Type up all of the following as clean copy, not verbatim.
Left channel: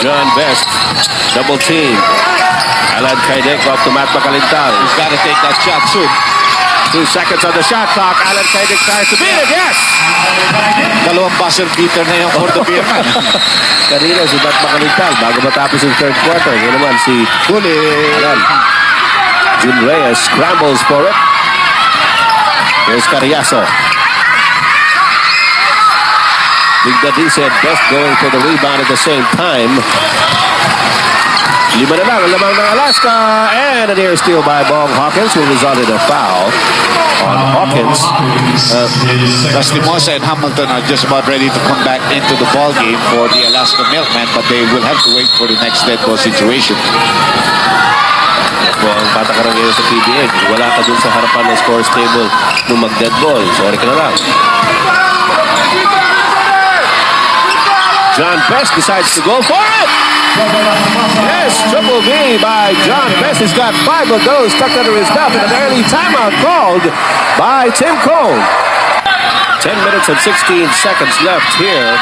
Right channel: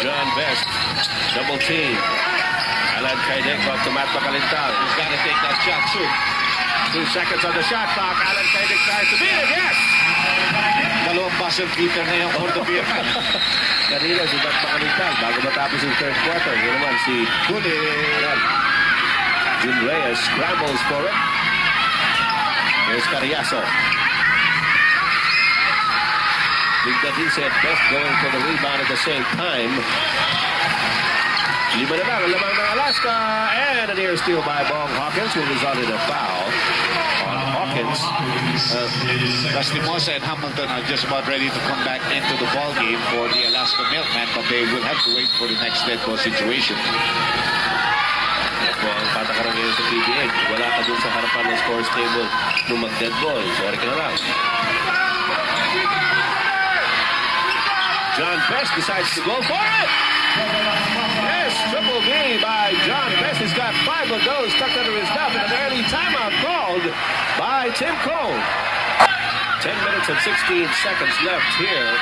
John Best, double team. Alan Kaidek off to Matt Macalintal. He's got to take that shot soon. 2 seconds on the shot clock. Alan Kaidek tries to beat it. Yes! Dalawang buzzer beater na yung for the beer man. Kanina si Matt Macalintal bago matapos yung third quarter. Yan naman si Alan. Jun Reyes scrambles for it. Here's Carriazo. Big Daddy said Best going for the rebound at the same time. 5 na lang ang lamang ng Alaska. And an air steal by Bong Hawkins will result in a foul on Hawkins. Lastimosa and Hamilton are just about ready to come back into the ball game for the Alaska Milkmen, but they will have to wait for the next dead ball situation. So, ang patakaran ngayon sa PBA, wala ka dun sa harapan ng scores table nung mag-dead ball. Sorry ka na lang. John Best decides to go for it. Yes, triple V by John Best. He's got 5 of those tucked under his belt, and an early timeout called by Tim Cole. 10 minutes and 16 seconds left here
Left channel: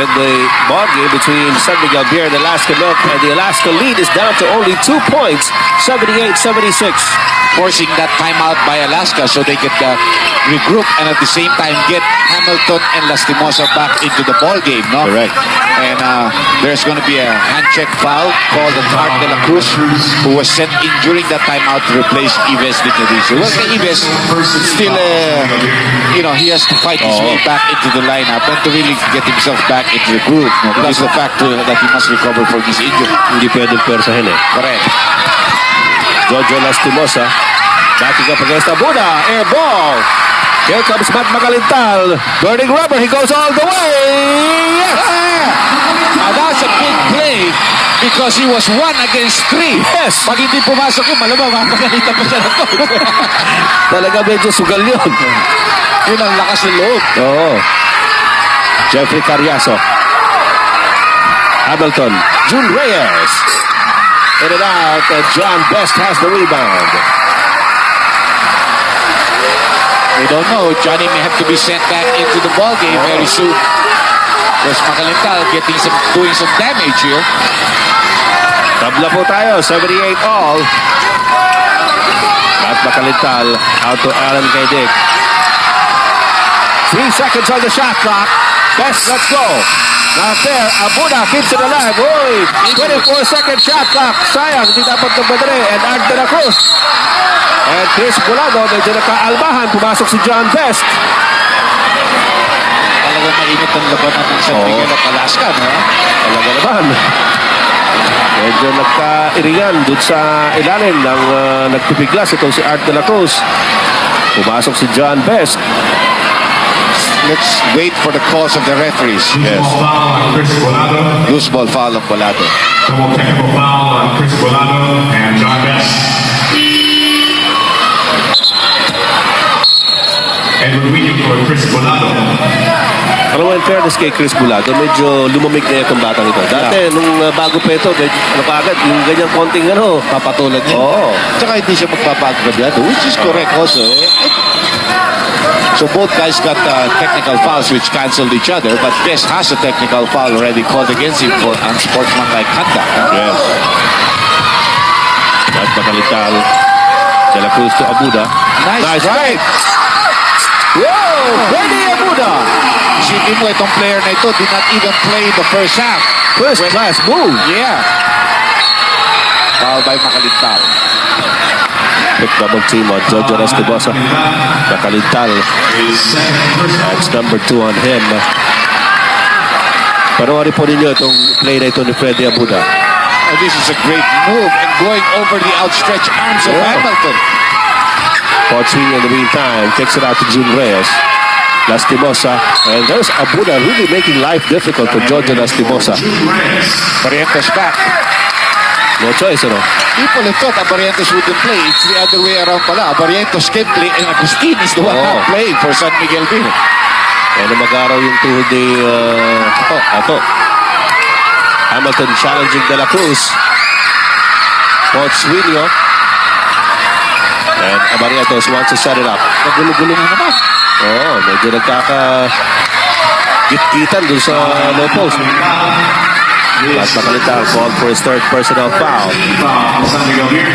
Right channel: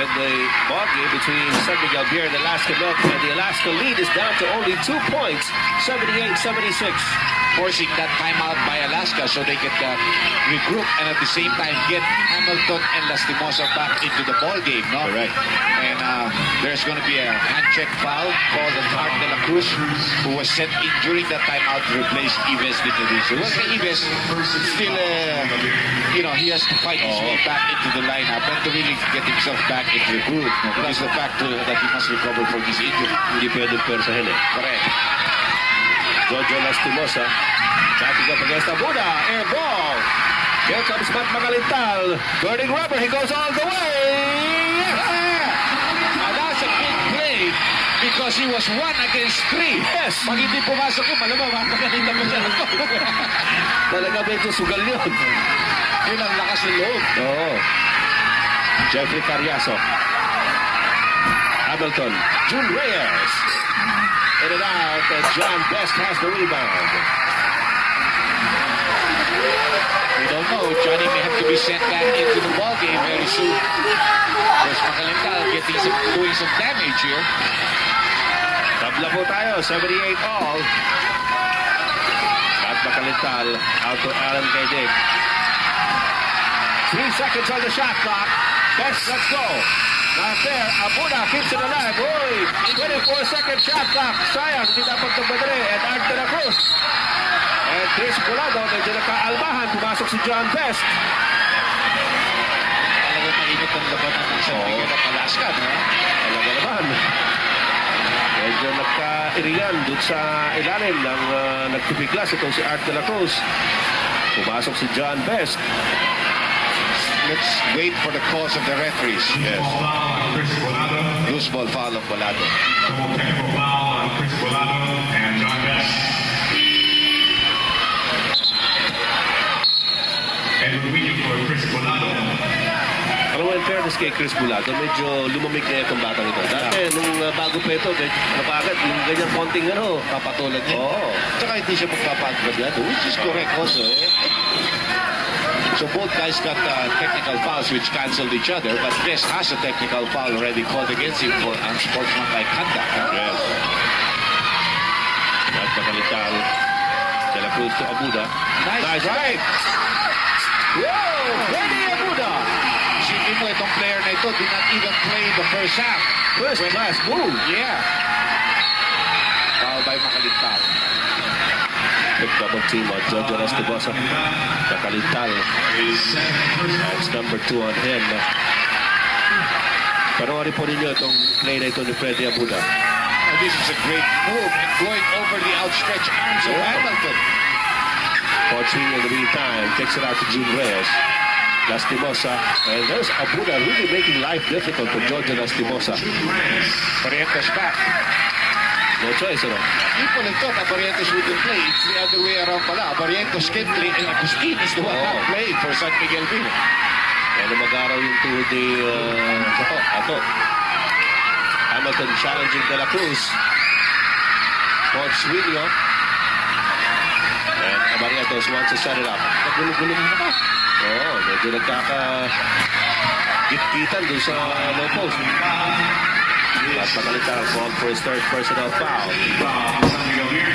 in the ball game between San Miguel Beer and Alaska Milk, and the Alaska lead is down to only 2 points, 78-76. Forcing that timeout by Alaska so they could regroup and at the same time get Hamilton and Lastimosa back into the ball game, no? Correct. And there's going to be a hand check foul called on Art de la Cruz, who was sent in during that timeout to replace Ives Dignadiso. Well, Ives still, he has to fight his way back into the lineup and to really get himself back into the groove. No? Plus the fact that he must recover from his injury. Hindi pwede persahin eh. Correct. Jojo Lastimosa backing up against Abuda. Air ball. Here comes Matt Macalintal. Burning rubber. He goes all the way. Now that's a big play because he was 1 against 3. Yes. Pag hindi pumasok yun, malamang mapagalitan pa siya ng to. Talaga medyo sugal yun. Yun ang lakas ng loob. Oo. Jeffrey Carriazo. Hamilton. Jun Reyes. In and out. John Best has the rebound. We don't know. Johnny may have to be sent back into the ball game very soon. There's Macalintal doing some damage here. Tabla po tayo. 78 all. At Macalintal out to Alan Kaidek. 3 seconds on the shot clock. Best, let's go. Not there. Abuda keeps it alive. Uy, 24-second shot clock. Sayang, hindi dapat nagmadali. And Art de la Cruz. And Chris Bulado, medyo nakaalbahan. Pumasok si John Best. Talagang mainit ang labanan ng San Miguel at Alaska, no? Talaga naman. Medyo nagka-irigan dun sa ilalim ng nagpipiglas. Itong si Art de la Cruz. Pumasok si John Best. Let's wait for the calls of the referees. Yes. Loose ball foul of Bolado. Double technical foul on Chris Bolado and John Best. And we're waiting for Chris Bolado. Alam mo, in fairness kay Chris Bulado, medyo lumamig na itong batang ito. Dati, nung bago pa ito, nakagad, yung ganyang konting Papatulad niya. Oo. Tsaka hindi siya magpapagrabyado, which is correct also. So both guys got technical fouls which canceled each other, but Best has a technical foul already called against him for unsportsmanlike conduct. Yes. At Macalintal, De La Cruz to Abuda. Nice drive! Whoa! Freddy Abuda! Isipin mo, itong player na ito did not even play the first half. First class move. Yeah. Foul by Macalintal. Quick double team on Jojo Lastimosa. Macalintal. That's number 2 on him. Panoorin po ninyo itong play na ito ni Freddy Abuda. Oh, this is a great move and going over the outstretched arms of Hamilton. Potswing in the meantime kicks it out to Jun Reyes. Lastimosa. And there's Abuda really making life difficult for Jojo Lastimosa. Abarrientos back. No choice, ano? People have thought Abarrientos wouldn't play. It's the other way around pala. Abarrientos can play and Agustin is the one not playing for San Miguel Beer. Ano mag-araw yung tuhod ni Ato. Hamilton challenging De La Cruz. Potswing. And Abarrientos wants to set it up. Nagulo-gulo na naman. Medyo nagkaka-git-gitan dun sa low post. But Macalital called for his third personal foul. San Miguel Beer.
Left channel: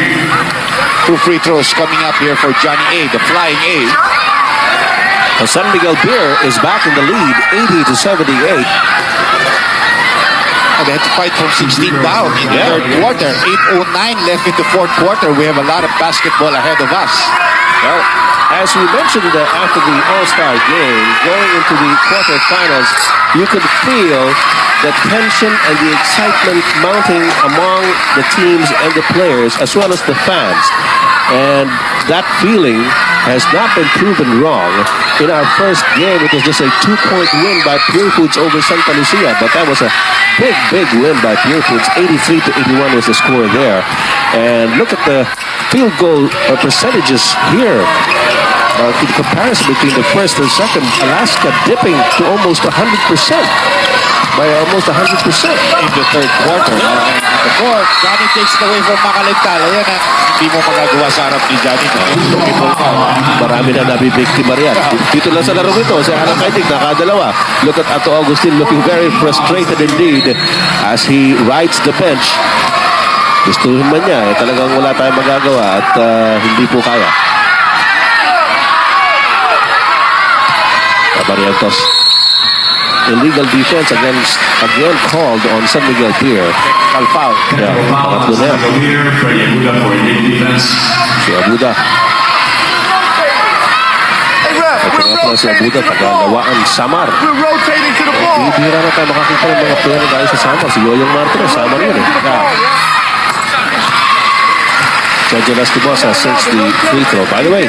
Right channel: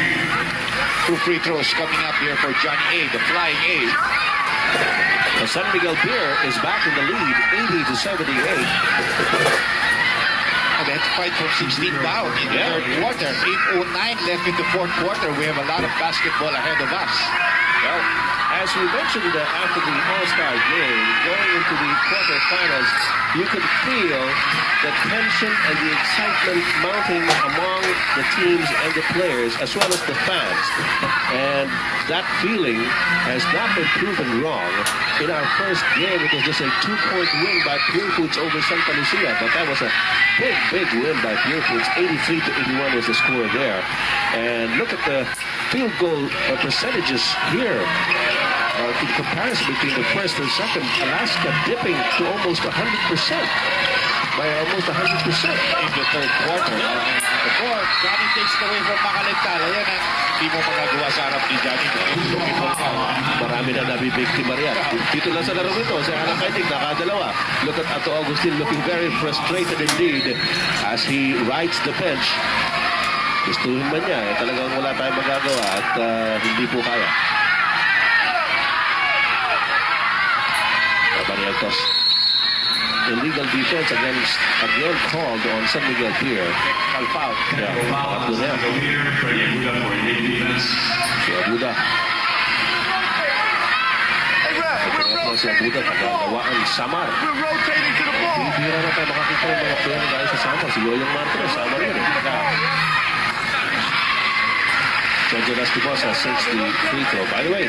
2 free throws coming up here for Johnny A, the flying A. San Miguel Beer is back in the lead, 80-78. They had to fight from 16 down in the third quarter. 8:09 left in the fourth quarter. We have a lot of basketball ahead of us. Well, as we mentioned after the All-Star game, going into the quarterfinals, you could feel the tension and the excitement mounting among the teams and the players as well as the fans. And that feeling has not been proven wrong. In our first game, it was just a 2-point win by Pure Foods over Santa Lucia, but that was a big win by Pure Foods. 83-81 was the score there. And look at the field goal percentages here. In comparison between the first and second, Alaska dipping to almost 100%. By almost 100% in the third quarter. In the fourth, Johnny takes it away from Macalital. Ayan na, hindi mo magagawa sa harap ni Johnny. Marami na nabibiktima riyan. Dito lang sa laro nito, si Alan Kaitig nakadalawa. Look at Ato Agustin looking very frustrated indeed as he rides the bench. Gustuhin man niya, talagang wala tayong magagawa at hindi po kaya. Abarrientos. Illegal defense again called on San Miguel Beer. Technical foul. Yeah, pangatlo na yan. Si Abuda. Ito nga pala si Abuda, tagalawaan Samar. Bibira na tayo makakita ng mga player na tayo sa Samar. Si Yoyong Martinez, Samar yun eh. Sergio Lastimosa since the free throw. By the way,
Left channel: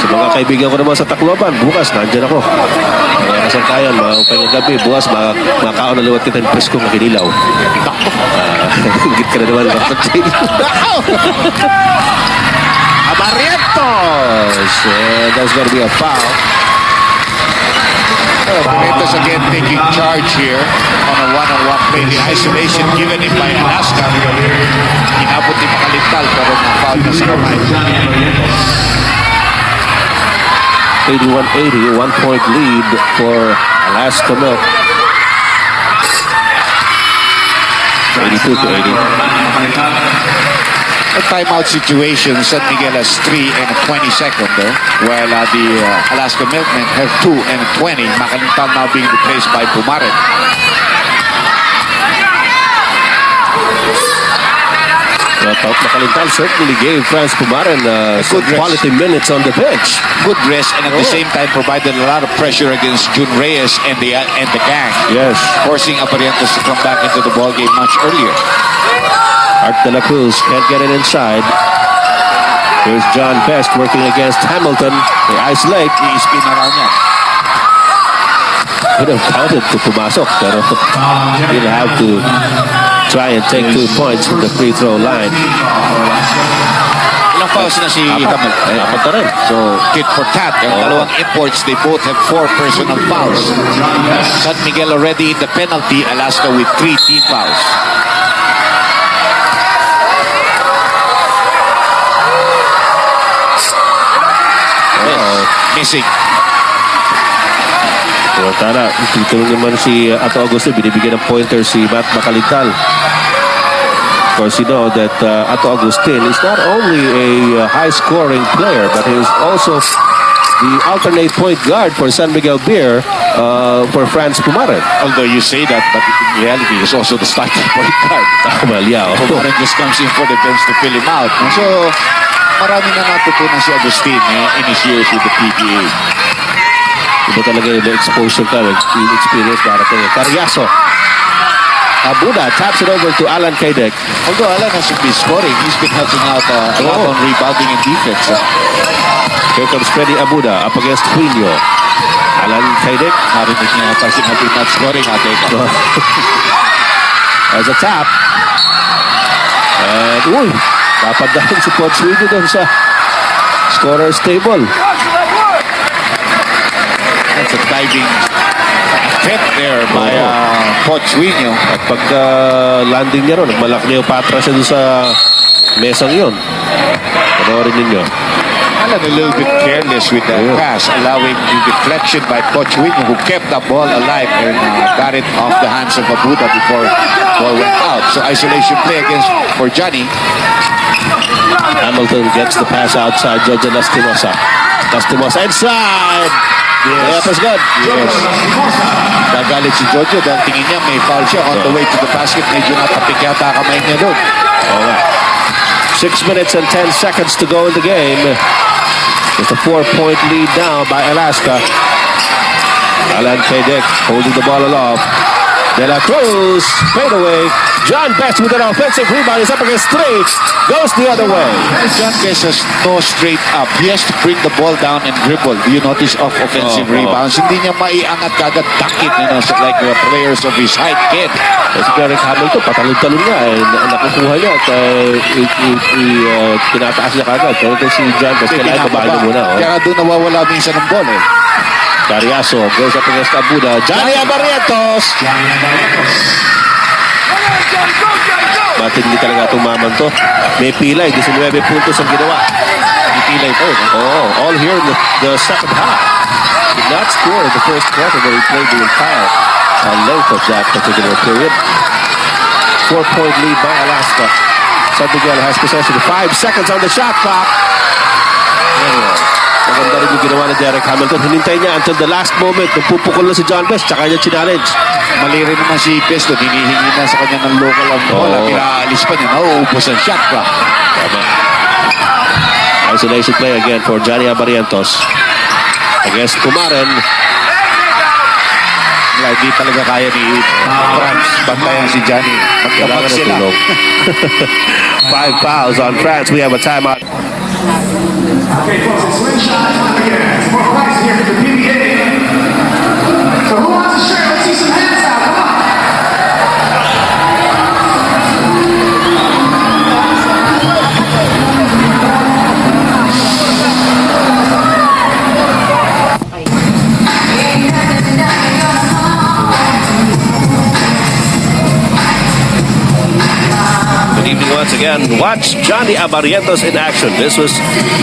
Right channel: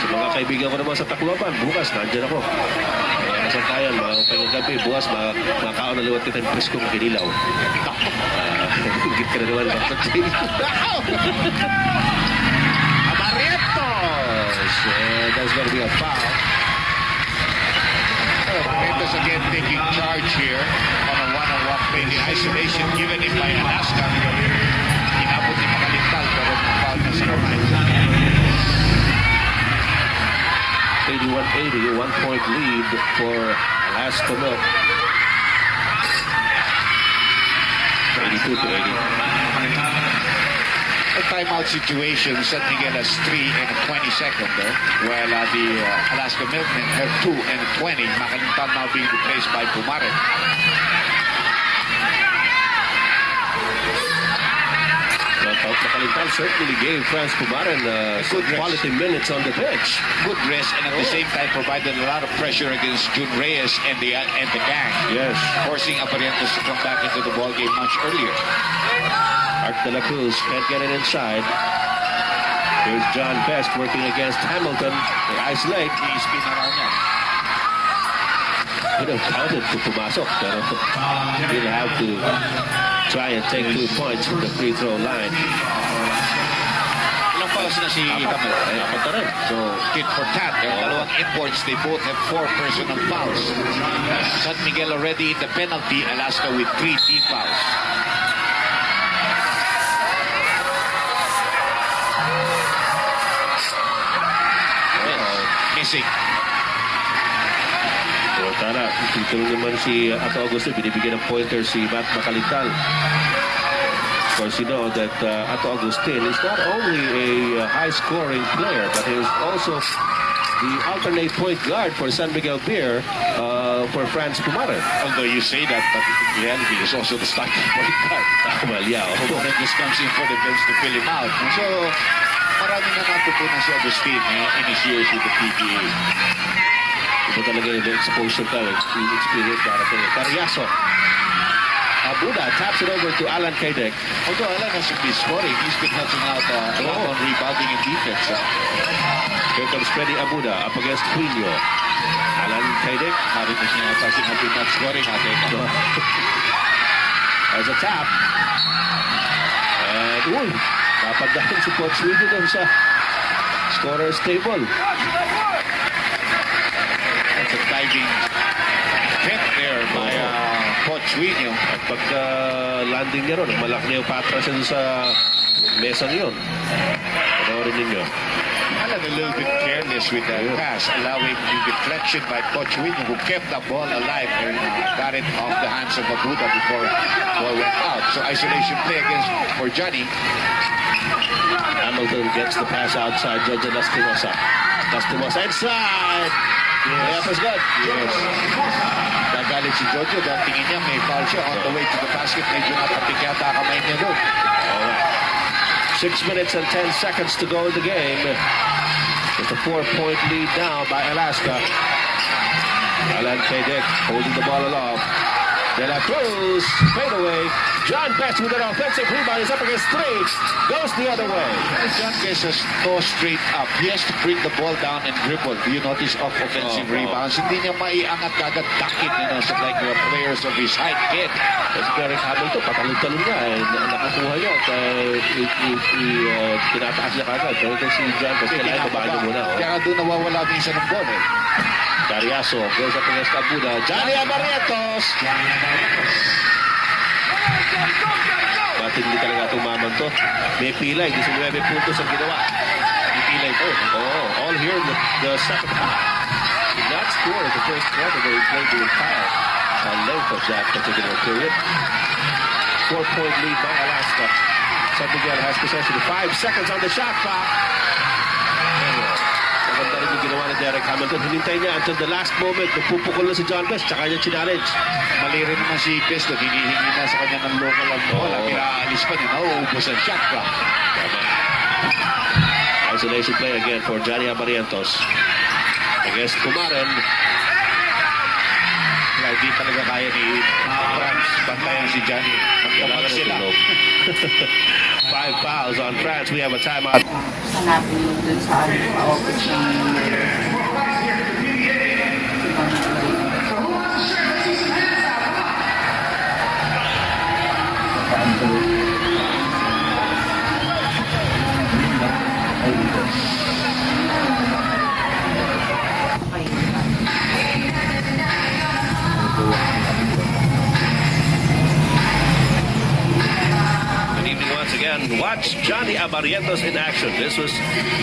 sa mga kaibigan ko naman sa Tacloban, bukas nandyan ako. Mga kasangkayan, mga upay ng gabi, bukas makakaon na liwat kita ng presko ng kinilaw. Hingit ka na naman. Abarrientos! That's gonna be a foul. Abarrientos again taking charge here on a one-on-one play. The isolation given him by Alaska. Inabot ni Macalital pero na-foul na sa kamay. 81-80, 1-point lead for Alaska Milk. 82-80. A timeout situation. San Miguel has 3 and 20 seconds though, while the Alaska Milkmen have 2 and 20. Macalital now being replaced by Pumaret. Macalital certainly gave Franz Pumaren good quality minutes on the bench. Good rest and at the same time provided a lot of pressure against Jun Reyes and the gang. Yes. Forcing Abarrientos to come back into the ball game much earlier. Art de la Cruz can't get it inside. Here's John Best working against Hamilton. They isolate. I-spin around niya. Could have counted to pumasok, pero didn't have to try and take 2 points from the free throw line. Ilang fouls na si Hamilton? Apat na rin. So, tit for tat. Ang dalawang imports, they both have 4 personal fouls. San Miguel already in the penalty. Alaska with 3 team fouls. Missing. So, tara, tutulong naman si Ato Augusto. Binibigyan ng pointer si Matt Macalital. Of course, you know that Ato Agustin is not only a high-scoring player, but he is also the alternate point guard for San Miguel Beer for Franz Pumaren. Although you say that, but in reality, he's also the starting point guard. Well, yeah. Pumaren just comes in for the bench to fill him out. So, marami na natutunan si Agustin in his years with the PBA. Iba talaga yung exposure ka, yung experience darating. Carriazo. Abuda taps it over to Alan Kaidek. Although Alan has been scoring, he's been helping out a lot on rebounding and defense. Here comes Freddy Abuda up against Quino. Alan Kaidek. Narinig niya ata sinabi not scoring ate. As a tap. And, uy, dapat dahil si Coach Quino doon sa scorer's table. That's a diving attempt there by Pochuino. At pagka landing niya ron, nagmalak niya yung patra siya doon sa mesang yun. Panoorin ninyo. Alan a little bit careless with the pass, allowing the deflection by Coach Win, who kept the ball alive and got it off the hands of Abuda before ball went out. So isolation play against for Johnny. Hamilton gets the pass outside. Jojo Lastimosa. Lastimosa inside. Yes. That's good. Yes. Nagalit si Jojo dahil tingin niya may foul siya on the way to the basket. Medyo natapik yata kamay niya doon. Alright. 6 minutes and 10 seconds to go in the game. Just a 4-point lead now by Alaska. Alan Kedick holding the ball aloft. De La Cruz, fade away. John Best with an offensive rebound. He's up against three. Goes the other way. John Best has no straight up. He has to bring the ball down and dribble. Do you notice off offensive rebounds? Hindi niya maiangat kagad dunk it, so like the players of his height can. Si Derek Hamilton, patalon-talon niya. Nakukuha niya at tinataas niya kagad. Pero ito si John Best, kailangan babahin niya muna. Kaya doon nawawala minsan ng ball. Cariaso goes up against Abuda. Johnny Abarrientos. Matindi talaga itong maman to. May pilay. 19 puntos ang ginawa. May pilay po. All here in the second half. Did not score in the first quarter, but he played the entire length of that particular period. 4-point lead by Alaska. San Miguel has possession. 5 seconds on the shot clock. Maganda rin yung ginawa ni Derek Hamilton. Hinintay niya until the last moment. Nagpupukol na si John Best. Tsaka niya challenge. Mali rin naman si Best. Hinihingi na sa kanya ng local ang bola. Pinaalis pa niya. Nauubos ang shot clock. Isolation play again for Johnny Abarrientos. Against Kumaren. Hindi talaga kaya ni France. Bantayan si Johnny. Magkabag sila. 5 fouls on France. We have a timeout. Okay, folks, screenshot again. Some more prize here for the PBA. So who wants a shirt? Let's see some hands out. Come on. Good evening once again. Watch Johnny Abarrientos in action. This was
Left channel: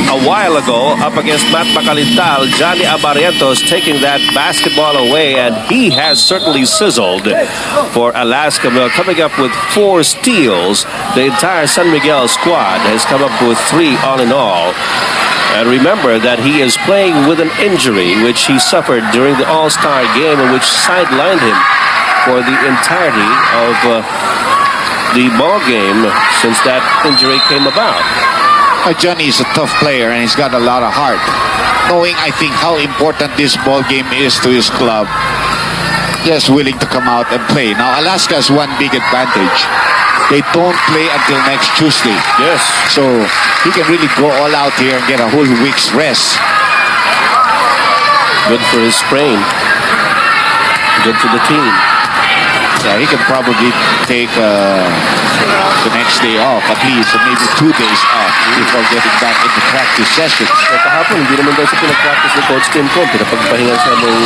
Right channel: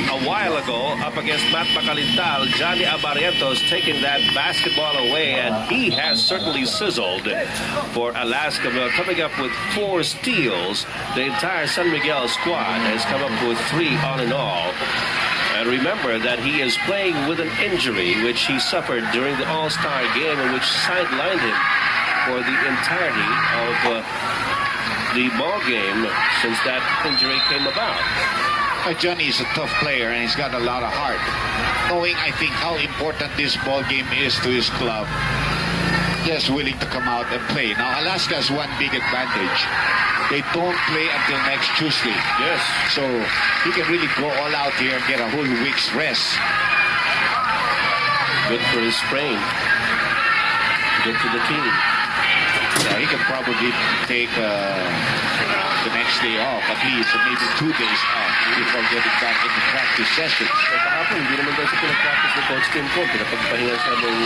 a while ago up against Matt Macalintal. Johnny Abarrientos taking that basketball away, and he has certainly sizzled for Alaska. Well, coming up with 4 steals. The entire San Miguel squad has come up with 3 all in all. And remember that he is playing with an injury which he suffered during the All-Star game, and which sidelined him for the entirety of the ball game since that injury came about. Johnny is a tough player and he's got a lot of heart. Knowing, I think, how important this ball game is to his club, just willing to come out and play. Now, Alaska has one big advantage. They don't play until next Tuesday. Yes. So he can really go all out here and get a whole week's rest. Good for his sprain. Good for the team. Yeah, he can probably take the next day off, at least, or maybe 2 days off before getting back into practice sessions. So kahapon, hindi naman daw siya pinag-practice ng Coach Tim Cole. Pinapagpahinga siya ng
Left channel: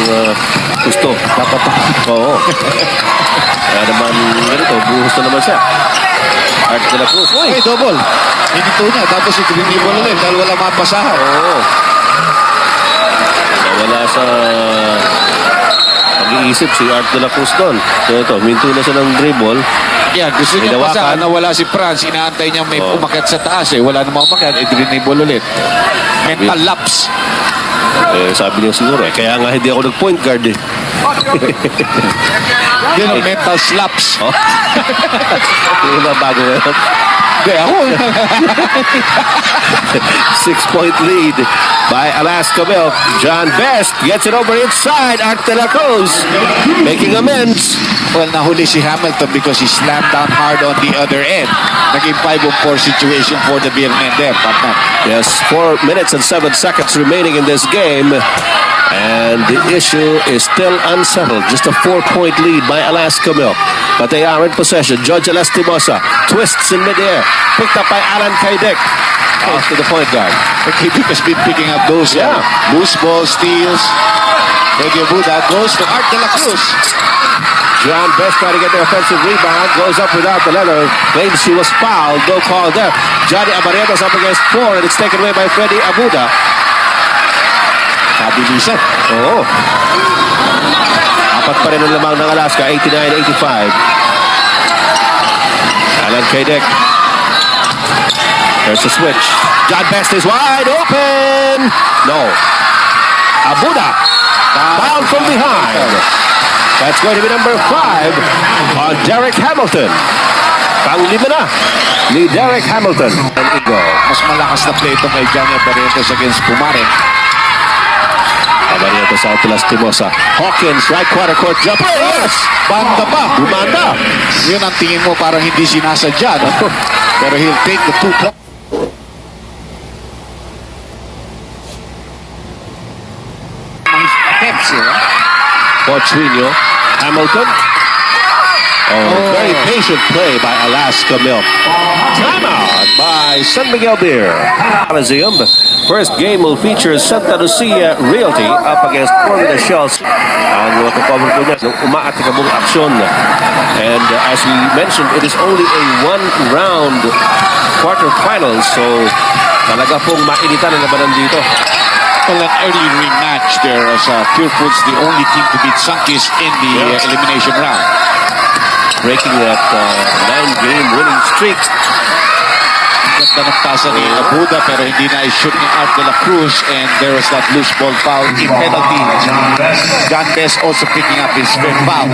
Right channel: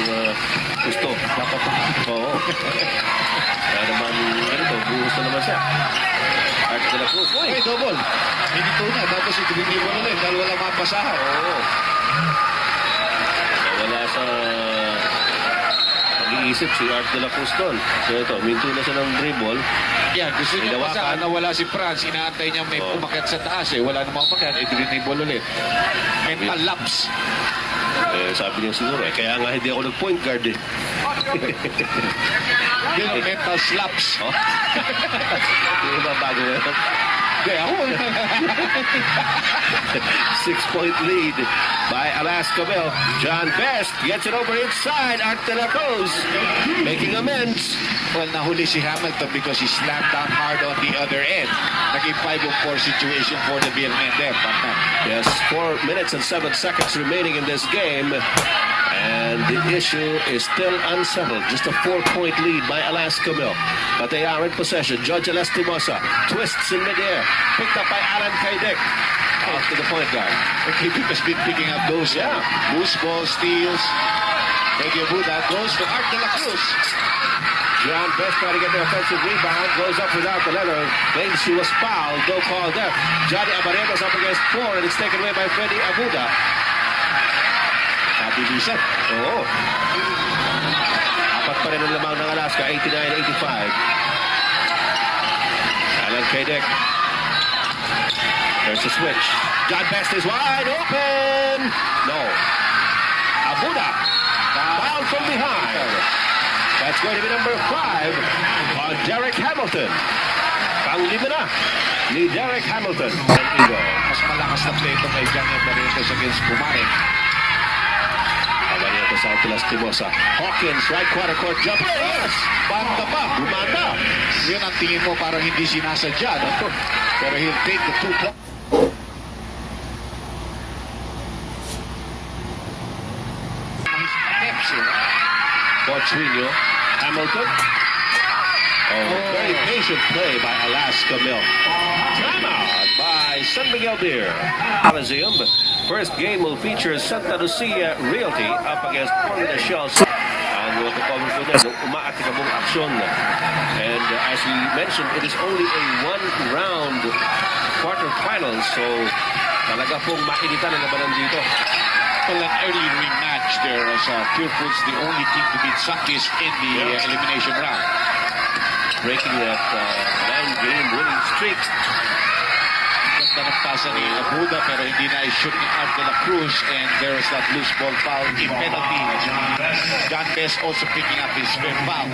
gusto. Dapat oo. Kaya naman, ganito, buhos na naman siya. Art de la Cruz. Uy, double. Hinito niya, tapos i-dribble ulit dahil wala mapasahan. Oo. Wala sa pag-iisip si Art de la Cruz doon. So ito, minto na siya ng dribble. Yeah, gusto niya pasahan na wala si Franz. Inaantay niya may umakyat sa taas eh. Wala namang umakyat, i-dribble ulit. Mental lapse. Sabi niya siguro kaya nga hindi ako nag-point guard eh. Yun ang mental slaps. Yung ba bago yun? Ako. 6-point lead by Alaska Milk. John Best gets it over inside. Art de la Cruz making amends. Well, nahuli si Hamilton because he slammed down hard on the other end. Naging 5-on-4 situation for the Beer men there. Yes, 4 minutes and 7 seconds remaining in this game. And the issue is still unsettled. Just a 4-point lead by Alaska Milk. But they are in possession. George Lastimosa twists in midair. Picked up by Alan Kedick. Off to the point guard. Kedick has been picking up those loose ball steals. Buda goes to Art de la Cruz. John Best trying to get the offensive rebound. Goes up without the leather. Claims he was fouled. No call there. Johnny Abarrientos up against 4 and it's taken away by Freddy Abuda. Kabilisan. Oo. Apat pa rin ang lamang ng Alaska. 89-85. Alan Kadek. There's a switch. John Best is wide open. No. Abuda. Foul from behind. That's going to be number 5 on Derek Hamilton. Pang-lima na ni Derek Hamilton and Igo. Mas malakas na play ito kay Johnny Abarrientos against Pumare. Abarrientos out to Lastimosa. Hawkins, right quarter court jumper. Yes! Banda pa. Bumanda. Yun ang tingin mo parang hindi sinasadya. No? Pero he'll take the 2 points. Portuino, Hamilton. Very patient play by Alaska Milk. Timeout by San Miguel Beer. Coliseum. First game will feature Santa Lucia Realty up against Florida Shell. Ang makakover ko niya, umaatikabong aksyon. And as we mentioned, it is only a one-round quarterfinal. So talaga pong mainitan ang labanan dito. Well, an early rematch there as Pure Foods the only team to beat Sunkist in the elimination round. Breaking that 9-game winning streak. Ganda ng pasa ni Abuda pero hindi na i-shoot ni Art de la Cruz and there was that loose ball foul in penalty. John Best also picking up his fifth foul.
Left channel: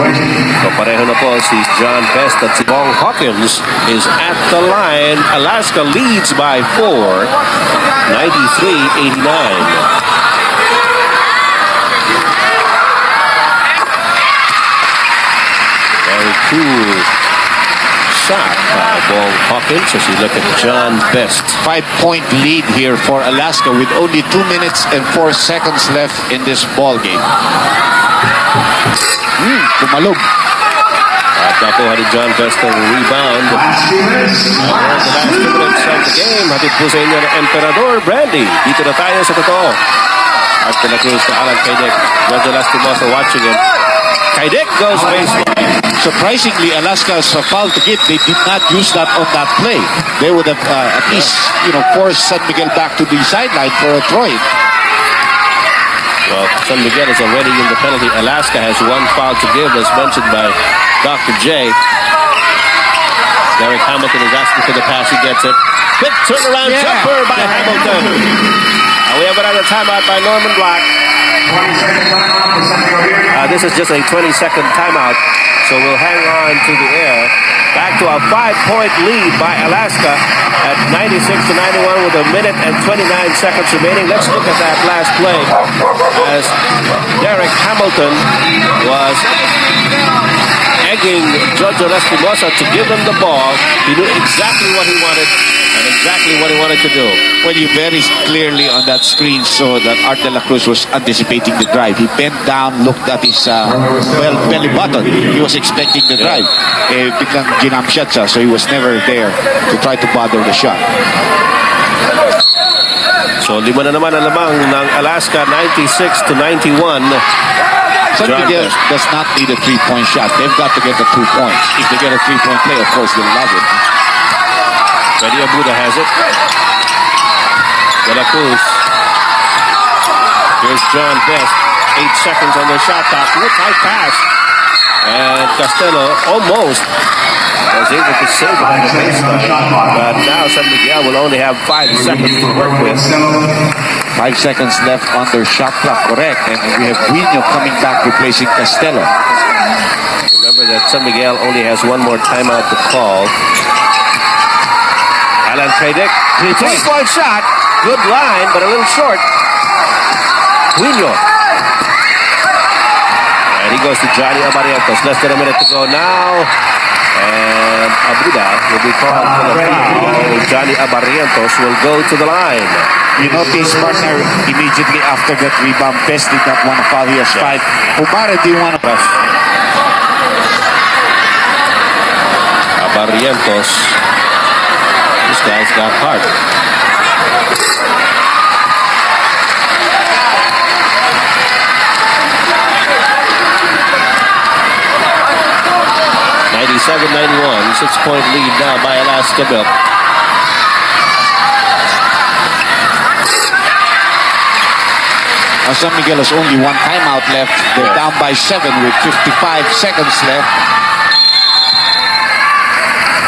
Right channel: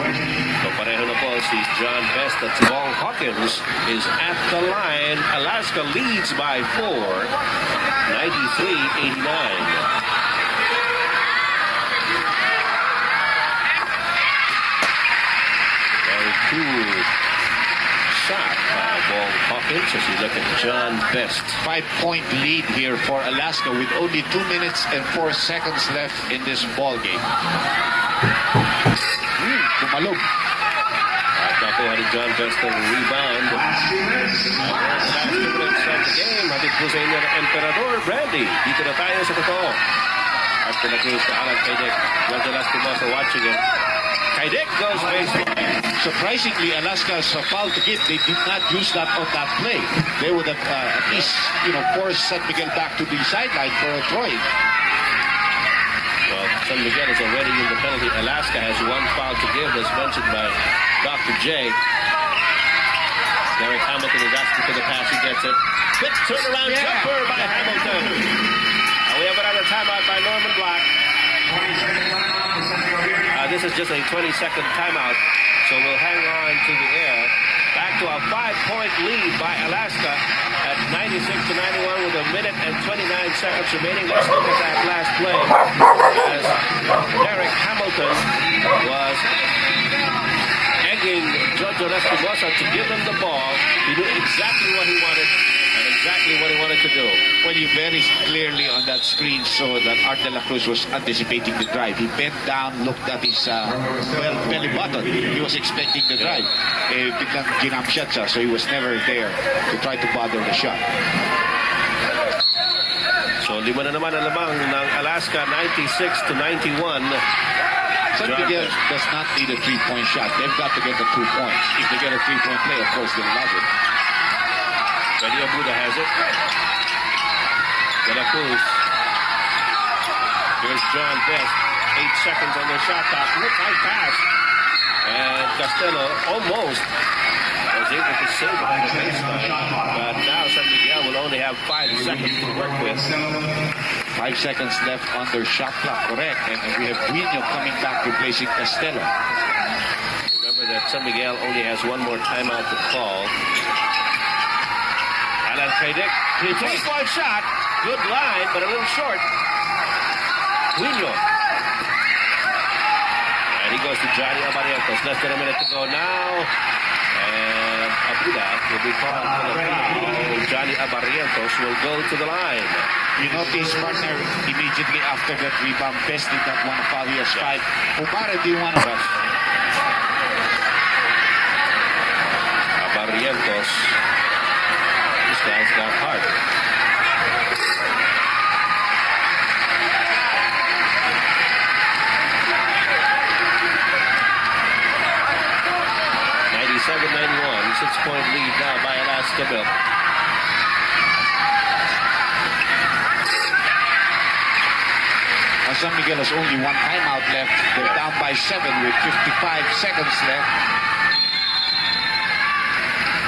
So pareho na po si John Best at si Bong Hawkins is at the line. Alaska leads by 4, 93-89. Very cool shot by Bong Hawkins as you look at John Best. 5-point lead here for Alaska with only 2 minutes and 4 seconds left in this ball game. Kumalog. At nakuha ni John Best ang rebound. The last 2 minutes of the game. Hatid po sa inyo ng Emperador Brandy. Dito na tayo sa totoo. At de la Cruz to Alan Kaidek. George Lastimosa watching him. Kaidek goes baseline. Surprisingly, Alaska's foul to give, they did not use that on that play. They would have at least, forced San Miguel back to the sideline for a throw-in. Well, San Miguel is already in the penalty. Alaska has 1 foul to give, as mentioned by Dr. J. Derek Hamilton is asking for the pass. He gets it. Quick turnaround jumper by Hamilton. And we have another timeout by Norman Black. 20-second timeout for San Miguel Beer. This is just a 20-second timeout, so we'll hang on to the air. Back to a 5-point lead by Alaska at 96-91 with 1 minute and 29 seconds remaining. Let's look at that last play as Derek Hamilton was egging Jojo Lastimosa to give him the ball. He knew exactly what he wanted and exactly what he wanted to do. Well, you very clearly on that screen saw that Art de la Cruz was anticipating the drive. He bent down, looked at his belly button. He was expecting the drive. Biglang ginam shot siya, so he was never there to try to bother the shot. So 5 na naman ang lamang ng Alaska, 96-91. San Miguel does not need a 3-point shot. They've got to get the 2 points. If they get a 3-point play, of course, they'll love it. Freddy Abuda has it. De la Cruz. Here's John Best. 8 seconds on the shot clock. Tight pass. And Costello almost was able to save it on the baseline. But now San Miguel will only have 5 seconds to work with. 5 seconds left on their shot clock, correct. And we have Guino coming back replacing Costello. Remember that San Miguel only has 1 more timeout to call. Alan Kaidek, 3-point shot. Good line, but a little short. Guino. And he goes to Johnny Abarrientos. Less than a minute to go now. And Abuda will be called for the foul. Johnny Abarrientos will go to the line. You notice, partner, immediately after that rebound, Best did not want to foul. He has 5. Umara didn't want to foul. Abarrientos. This guy's got heart. 97-91. 6-point lead now by Alaska Milk. San Miguel has only one timeout left. They're down by 7 with 55 seconds left.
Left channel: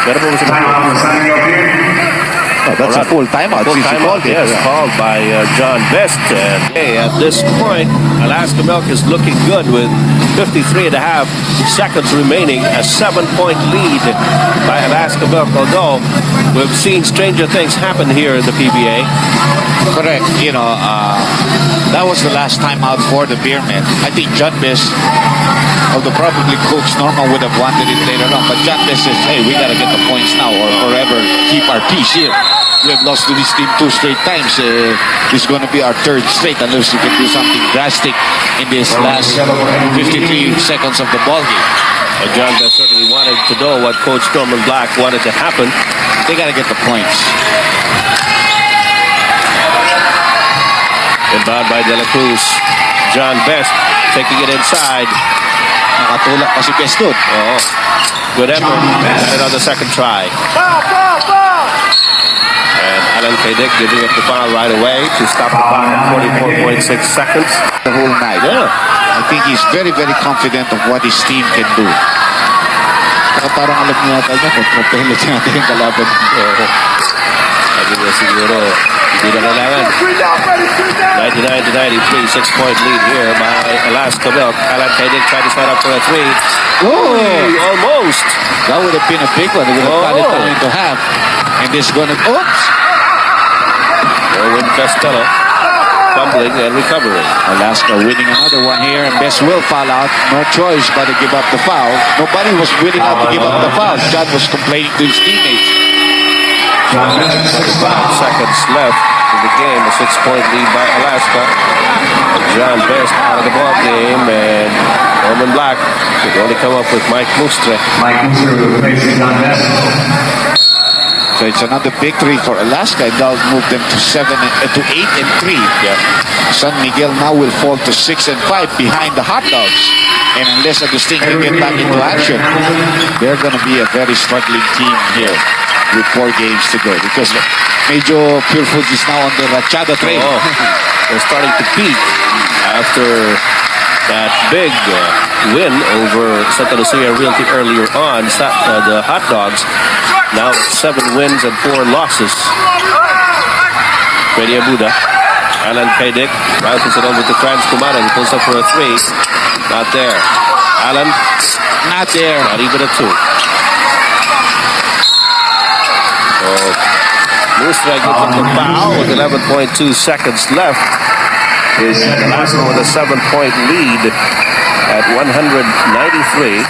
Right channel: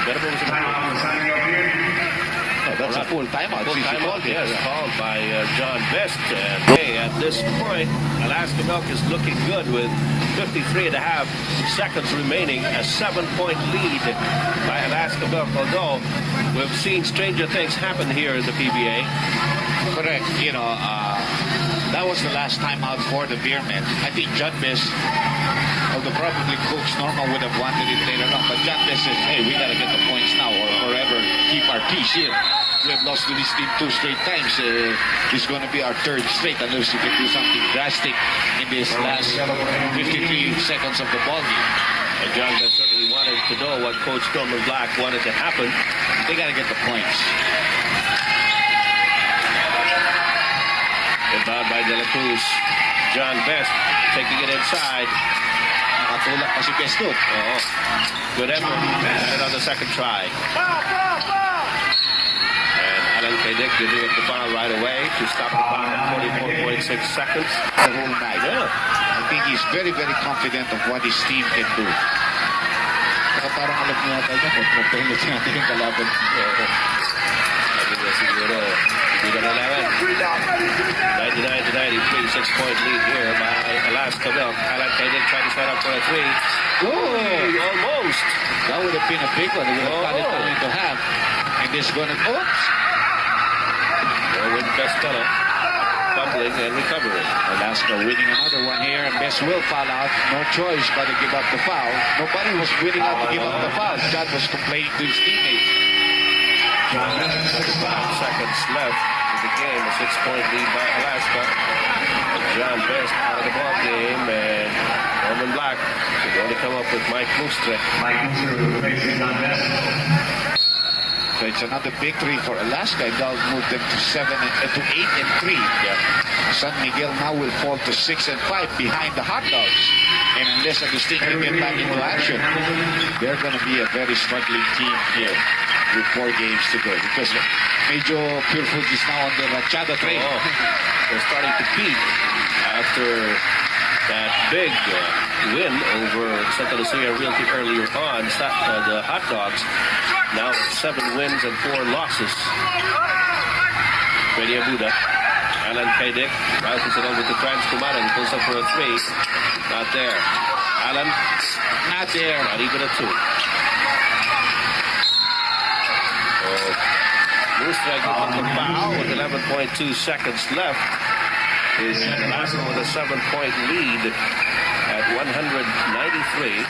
Timeout for San Miguel Beer. Oh, that's a full timeout. Full timeout, yes, called by John Best. Okay, at this point, Alaska Milk is looking good with 53 and a half seconds remaining. A 7-point lead by Alaska Milk, although we've seen stranger things happen here in the PBA. Correct. That was the last timeout for the Beermen. I think John Best, although probably Coach Norman would have wanted it later on, but John Best says, hey, we got to get the points now or forever keep our peace here. We have lost to this team 2 straight times. This is going to be our 3rd straight unless we can do something drastic in this last 53 seconds of the ballgame. And John Best certainly wanted to know what Coach Norman Black wanted to happen. They got to get the points. Inbound by De La Cruz. John Best taking it inside. Nakatulak pa si Best doon. Oh, good effort. Got it on the second try. And Alan Kadick giving up the foul right away to stop the clock at 44.6 seconds. The whole night. Yeah. I think he's very, very confident of what his team can do. Saka parang alam niya yata niya kung propelet natin yung kalaban. Sabi niya siguro, hindi na kailangan. 99-93, 6-point lead here by Alaska Milk. Alan Kadick tried to set up for a 3. Oh, almost. That would have been a big one. They would have cut it down into half. And this is going to... Oops! Erwin Costello fumbling and recovering. Alaska winning another one here. And Best will foul out. No choice but to give up the foul. Nobody was willing out to give up the foul. John was complaining to his teammates. 5 seconds left in the game. A 6-point lead by Alaska. John Best out of the ball game, and Norman Black could only come up with Mike Mustre. Mike Mustre replacing John Best. So it's another victory for Alaska. That'll move them to 8 and 3. Yeah. San Miguel now will fall to 6 and 5 behind the Hot Dogs. And unless Agustin can get back into action, they're going to be a very struggling team here with 4 games to go. Because medyo Pure Foods is now on the Rachada train. Oh, they're starting to peak after that big win over Santa Lucia Realty earlier on. The Hot Dogs now 7 wins and 4 losses. Freddy Abuda, Alan Kadick bounces it over to Franz Kumara. He pulls up for a 3. Not there. Alan, Not there. not even a 2. So Mustra gives up the foul with 11.2 seconds left. Is Alaska with a 7-point lead at 193